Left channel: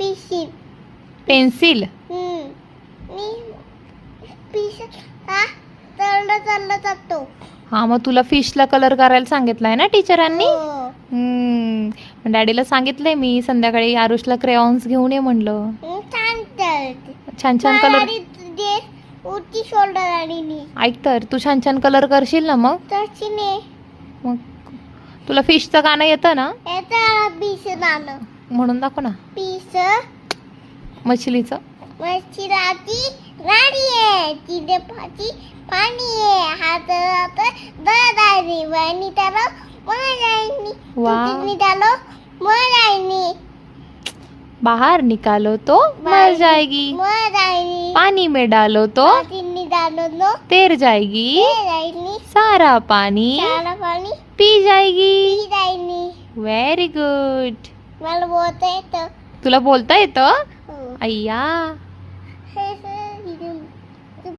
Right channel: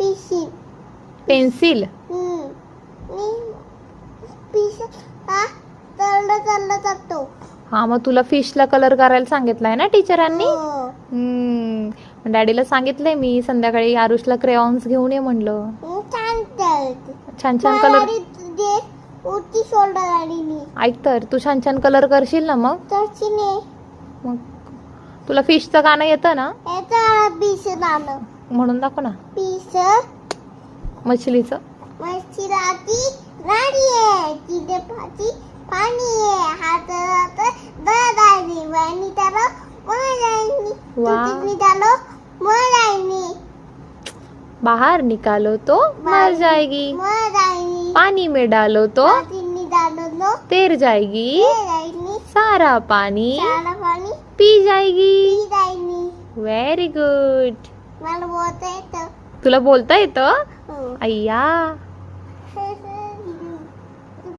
पिशी पेन्सिल. मी पिशी का चाललं जातो. हा, मग तुला फिशला कलर करायला सांगितलाय ना टीचरांनी. हो. डॅडीला सांगितलंय मी संध्याकाळी आरुषला क्रेयॉन्स घेऊन ये म्हणलं. छान चालते. छान छान कलर. उची शोल्डर आणि नी ऐक तर, तू छान छान कलर करशील ना मग. तशीने मग तुला फिशचं गाणं येतं ना. याचा पीस नाणं म्हणून दाखव ना. पीस मछलीचं. मच्छीराची गाडी आहे तिथे पाणी आहे हातात दादानी वाणी त्याला मरायनी तुझी त्याला मरायनी बाहर निकालो तो मर जाएगी, मरायनी पानी में डालो तो तिन्ही डालो नो तैर जाएगी, रायनी सारा पानी सारा पाणी पी जाएगी. रायनी. Very good. मला बोलता येतं. तुला बोलता येतं. हो. अय्या.